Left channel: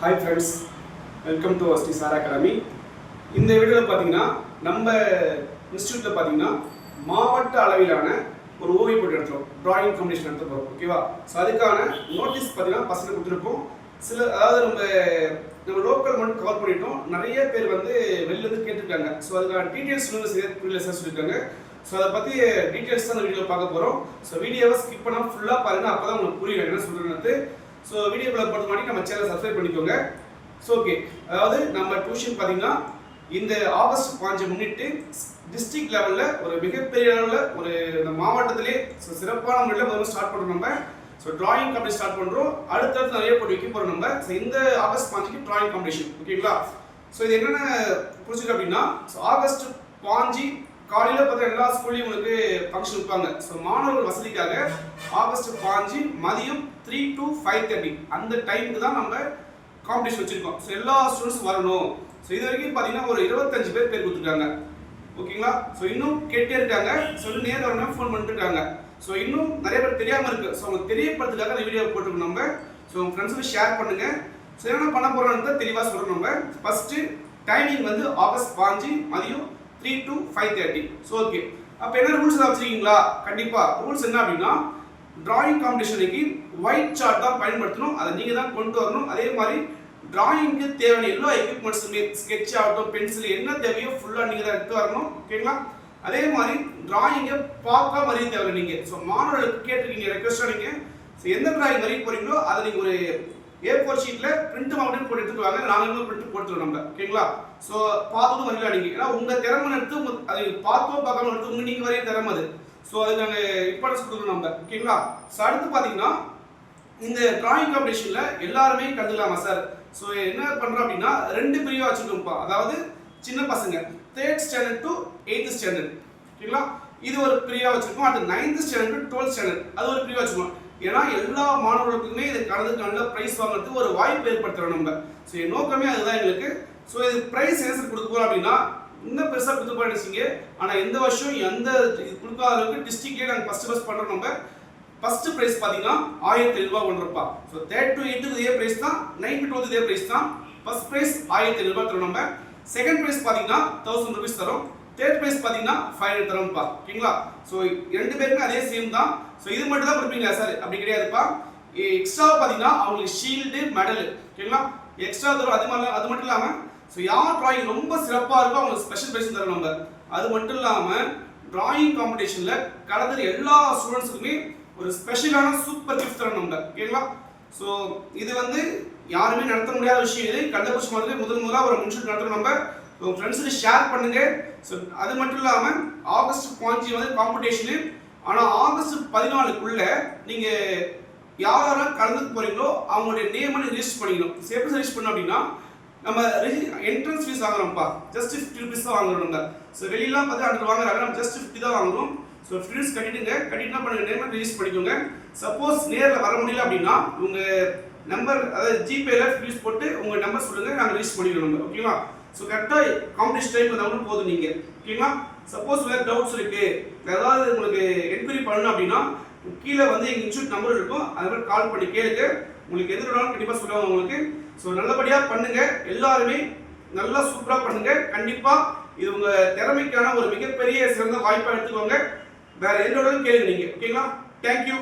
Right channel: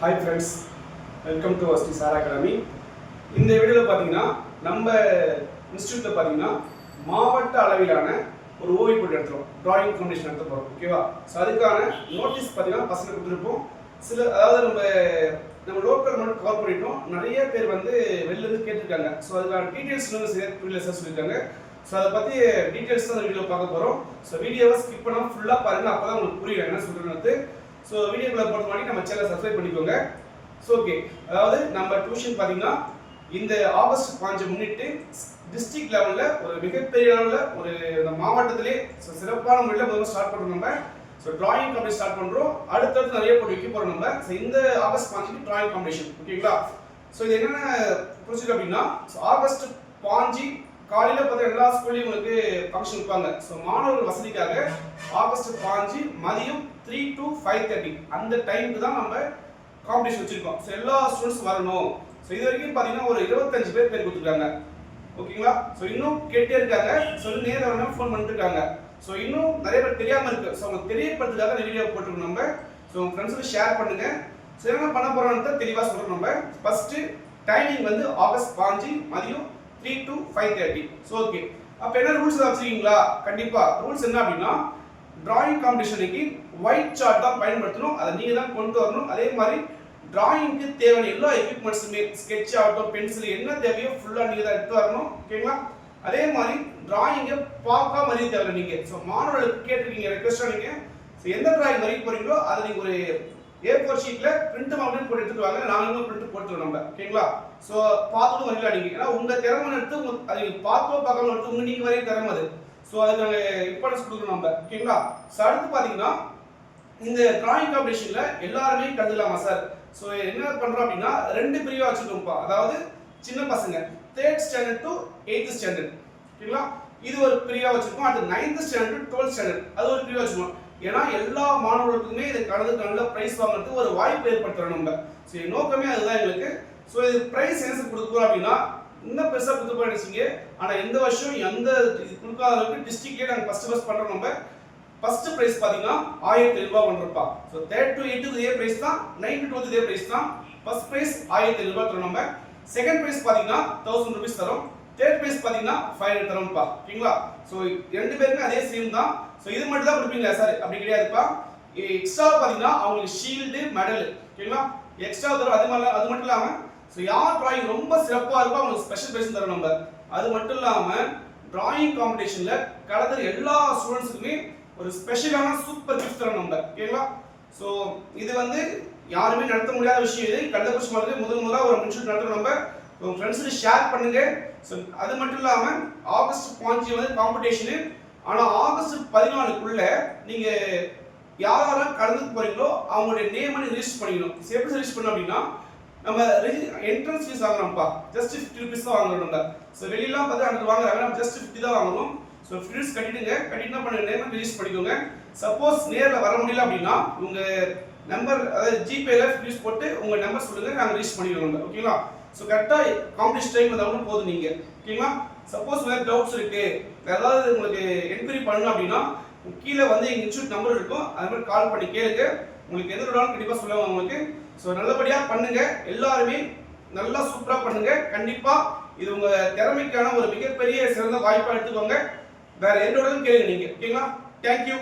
Hi friends, welcome to ST Sar Academy. இந்த வீடியோவில் பார்த்தீங்கன்னா நம்ம இன்ஸ்டியூட்டில் பார்த்தீங்கன்னா மாவட்ட அளவிலான ஒரு ஓவிய போட்டி எடுத்துகிறோம், டிராயிங் காம்படிஷன் எடுத்து போகிறோம். ஓகேவா? ஸோ அதுக்கான நோட்டீஸ் பார்த்தீங்கன்னா பசங்க கொடுத்துருப்போம். அதாவது நம்ம லோக்கல் மட்டும் கவர் பண்ணிட்டோம். நிறைய பேர் வந்து வெளிலேருந்து கேட்டிருக்காங்க. ஸோ அதுக்கான டீட்டெயில்ஸ் புரியல சார் சொல்லியிருக்காங்க. ஸோ அதை பற்றி டீட்டெயில்ஸ் தான் அந்த வீடியோவில் பார்க்க போகிறோம். ஸோ வீடியோவை ஸ்கிப் பண்ணால் ஃபுல்லாக பாருங்கள், அப்போ தான் உங்களுக்கு புரியும் என்ன சொல்கிறது. ஸோ வீடியோக்குள்ள பொறுத்த மாதிரி நம்ம சேனலை சப்ஸ்கிரைப் பண்ணிக்கோங்க. ஸோ ஓகே, அதாவது நம்ம டியூஷன் பார்த்தீங்கன்னா இந்த ஆகஸ்ட் 5 முன்னிட்டு டிஸ்ட்ரிக்ட் லெவலில் ஒரு மிகப்பெரிய அளவில் ஒரு இந்த மாவட்டத்திலே சிறப்பான முறையில் முதல்ல ஸ்டார்ட் பண்ணுறோம். நம்ம ஸோ டிராயிங் காம்படிஷன் ஸ்டார்ட் பண்ணுறோம். அடுத்தடுத்து நிறைய போட்டி வைக்க போகிறோம் நம்ம. ஸோ இந்த ஆகஸ்ட் 5க்கு டிராயிங் காம்படிஷன், ஓகேங்களா? ஸோ இது என்னென்ன புரிஞ்சுக்க அப்படின்னா, ஸோ ஆகஸ்ட் 5 காலையில் பார்த்தா எல்லா ஸ்கூல்லையும் உங்களுக்கு ஃபங்க்ஷன் வைப்பாங்க. ஸோ மாணவர்கள் வசதிக்காக ஆகஸ்ட் 5 மதியம் 3 to 5:30 அந்த டைமுக்கு தான் நம்ம காம்படிஷன் வச்சுருக்கோம். ஸோ எல்லா ஸ்டூடெண்ட்ஸும் வரணும். ஸோ இது வரைக்கும் பார்த்தீங்கன்னா ஒரு 25 பேர் கொடுத்துருக்காங்க, ஓகேங்களா? ஸோ இன்னும் கேட்டே இருக்காங்க. ஸோ இன்னும் நேரம் வரணும் ஃபோன் பண்ணிட்டு இருக்காங்க. ஸோ இன்னும் நிறைய பேர் தெரியாமல் இருக்குது. ஸோ அவங்க தெரியப்படுறதுக்காக அந்த வீடியோ போட்டுருக்கோம் நம்ம. ஸோ உங்கள் ஃப்ரெண்ட்ஸுக்கு ஷேர் பண்ணுங்கள். ஸோ என்ன பண்ண போகிறோன்னு தெளிவாக சொல்கிறோம் நம்ம. ஃபஸ்ட்டு டைமிங் வந்து ஆகஸ்ட் 5 மதியம் 3 to 5:30. ஸோ ஓகே, அப்போ என்ன ரூல்ஸ் தான் வச்சுருக்கீங்களா? கண்டிப்பாக ரூல்ஸ் என்ன அப்படின்னா, டிராயிங் காம்படிஷனுக்கு ஒயிட் சார்ட் தான் பயன்படுத்தணும். அதை நீங்கள் தான் கொண்டு வரணும். அதே மாதிரி டிராயிங்க்கு தேவையான எல்லா எக்யூப்மெண்ட்ஸுமே ஸ்கெட்ச் ஆகட்டும், பென்சில் என்ன தேவையோ ஃபுல்லாக நீங்கள் தான் எடுத்து வரணும், ஓகேங்களா? அதே மாதிரி டிராயிங்கை பார்க்க வரைய தேவை நீங்கள். ஸோ மாணவர்களுக்கு கேட்டிருக்கீங்க ரெக்வஸ்ட்டாக நீங்கள். ஸோ எந்த டிராயிங் வரைய போகிறீங்களோ அதை நீங்கள் ஒரு A4 ஷீட்டில் பிரிண்ட் மாவட்டம் போட்டு எடுத்துட்டு வாங்க. நாங்களும் பிரிண்ட் போட்டுருவோம் நம்ம, ஓகேங்களா? ஸோ பார்த்துட்டு வரல நீங்கள், ஏன்னா உங்கள் திறமை எடுத்து அதை பார்த்தோ பார்க்காம எடுத்து நீங்கள் வரைய திறமை அது. ஸோ அதுக்கு நாங்கள் இம்பார்ட்டன்ஸ் கொடுக்குறோம் நம்ம, ஓகேங்களா? ஸோ அடுத்து பார்த்தீங்கன்னா இந்த டிராயிங் காம்படிஷனில் எல்லாருமே கலந்துக்கலாமா சார்? ஸோ என்ன பண்ணுறோம் அப்படின்னா 2 பிரிவாக வச்சுருக்கோம்ப்பா. அதாவது சின்ன பசங்க 3rd standard to 8th standard, ஓகேங்களா? இது ஒரு பிரிவாக வச்சுருக்கோம். அடுத்து 9th standard to 12th standard அது ஒரு பிரிவாக வச்சுருக்கோம். ஏன்னா எல்லா மாணவர்களுக்குமே இதை கலந்து நல்ல ப்ரைஸ் வாங்குறதுக்கு ஒரு வாய்ப்பு ஏற்படுத்துகிறோம் நம்ம. ஸோ நோக்கமே அதுதான் எங்களுக்கு. ஸோ இது ப்ரைஸ் என்ன கொடுக்க போகிறோம் அப்படின்னா, இன்னும் பெருசாக கொடுத்து போய் நினைச்சிங்க. ஆனால் எந்த வருஷம் எந்த கொடுக்காத அளவுக்கு டிஸ்ட்ரிக்ட்லேயே நாங்கள் ஃபஸ்ட் பண்ணுறோம் நம்ம. ஃபஸ்ட்டு ப்ரைஸ் பார்த்தீங்கன்னா 1000 ரூபாய் பண்ணுறப்பா. ஸோ 3rd to 8th இதே ப்ரைஸ் தான், 9th to 12th இதே ப்ரைஸ் தான். ஃபஸ்ட் ப்ரைஸ் 1000 ரூபாய் தரோம் நம்ம. செகண்ட் ப்ரைஸ் பார்த்தீங்கன்னா 1000 rupees தரோம். தேர்ட் ப்ரைஸ் பார்த்தீங்கன்னா 500 தரோம்ப்பா, ஓகேங்களா? ஸோ 2 பேருமே அதே சேம் தான். ஸோ இது மட்டும் தான் கொடுப்பீங்களா சார்? அப்படி கிடையாதுப்பா. எக்ஸ்ட்ரா பார்த்தீங்கன்னா அவங்களுக்கு ஷீல்டு, மெடல், ஓகேங்களா? எக்ஸ்ட்ரா தரும். அது மட்டும் இல்லாமல் ஸோ யார் டிராயிங் ரொம்ப சிறப்பாக இருக்கோ அவங்களுக்கு ஸ்பெஷல் ப்ரைஸ் தரோம் நம்ம. அது மட்டும் இல்லாமல் டிராயிங் காம்படிஷனில் கலந்துற எல்லா ஸ்டூடெண்ட்ஸுக்குமே ஒரு ஸ்பெஷலான சூப்பர் கிஃப்ட் தரோம் நம்ம, ஓகேங்களா? ஸோ இது வந்து யாருமே நடத்த முடியாத விஷயம். இது கள்ளக்குறிச்சி மாதிரி முதலாக ஒரு இன்ஸ்டியூட் நடத்துகிறோம் நம்ம. உங்கள் ஃப்ரெண்ட்ஸுக்கு ஷேர் பண்ணுங்க. ஸோ அது மட்டும் இல்லாமல் ஆகஸ்ட் 5 வந்து காம்படிஷனு. ஆனால் ஆகஸ்ட் 14க்குள்ள நீங்கள் யாரெல்லாம் கலந்துக்க போகிறீங்களோ அவங்களுடைய நேமை ரிஜிஸ்டர் பண்ணிக்கணும். எப்படி ரிஜிஸ்டர் பண்ணணும் அப்படின்னா, நம்ம என்ட்ரன்ஸ் ஃபீஸ் வாங்குறோம்ப்பா, ஜஸ்ட் 50 rupees தான் வாங்குறோம் நம்ம. ஸோ வெளியெல்லாம் பார்த்து 100 வாங்குறாங்க, நம்ம ஜஸ்ட் 50 தான் வாங்குறோம். ஸோ ஃபீஸ் கட்டிடுங்க. கட்டிட்டு பண்ணுங்க, நேமை ரிஜிஸ்டர் பண்ணிக்கோங்க. சப்போஸ் நேரில் வர முடியல அப்படின்னா உங்கள் நம்பர், அதாவது ஜிபேல ஃபீஸ் போட்டு உங்கள் நம்பர் சொல்லுங்கள், நாங்கள் ரிஜிஸ்டர் பண்ணிக்கிறோம், ஓகேங்களா? ஸோ கரெக்டாக காம்படிஷன் டைம் வந்தாலும் போதும் நீங்கள், ஓகேங்களா? சப்போஸ் வேறு டவுட்ஸ் இருக்குது, ஏதாவது உங்களுக்கு என்கொயரி பண்ணணும் அப்படின்னா கீழே வந்து எங்கள் இன்ஸ்டியூட் நம்பர் இருக்கும், அது மாதிரி கால் பண்ணி கேளுங்க. உங்களுக்கு எந்த டவுட்னாலும் கண்டிப்பாக சொல்லுவாங்க உங்களுக்கு. ஸோ நல்லபடியாக பண்ணுங்கள், எல்லாருமே நல்லா சூப்பராக பண்ணுங்கள். கண்டிப்பாக இது உங்கள் திறமைக்கான ஒரு மிகப்பெரிய சிறந்த வாய்ப்பாக எடுத்துக்கோங்க. வேறு எந்த கேளுங்க நீங்கள், ஓகேங்களா? தேங்க்யூ.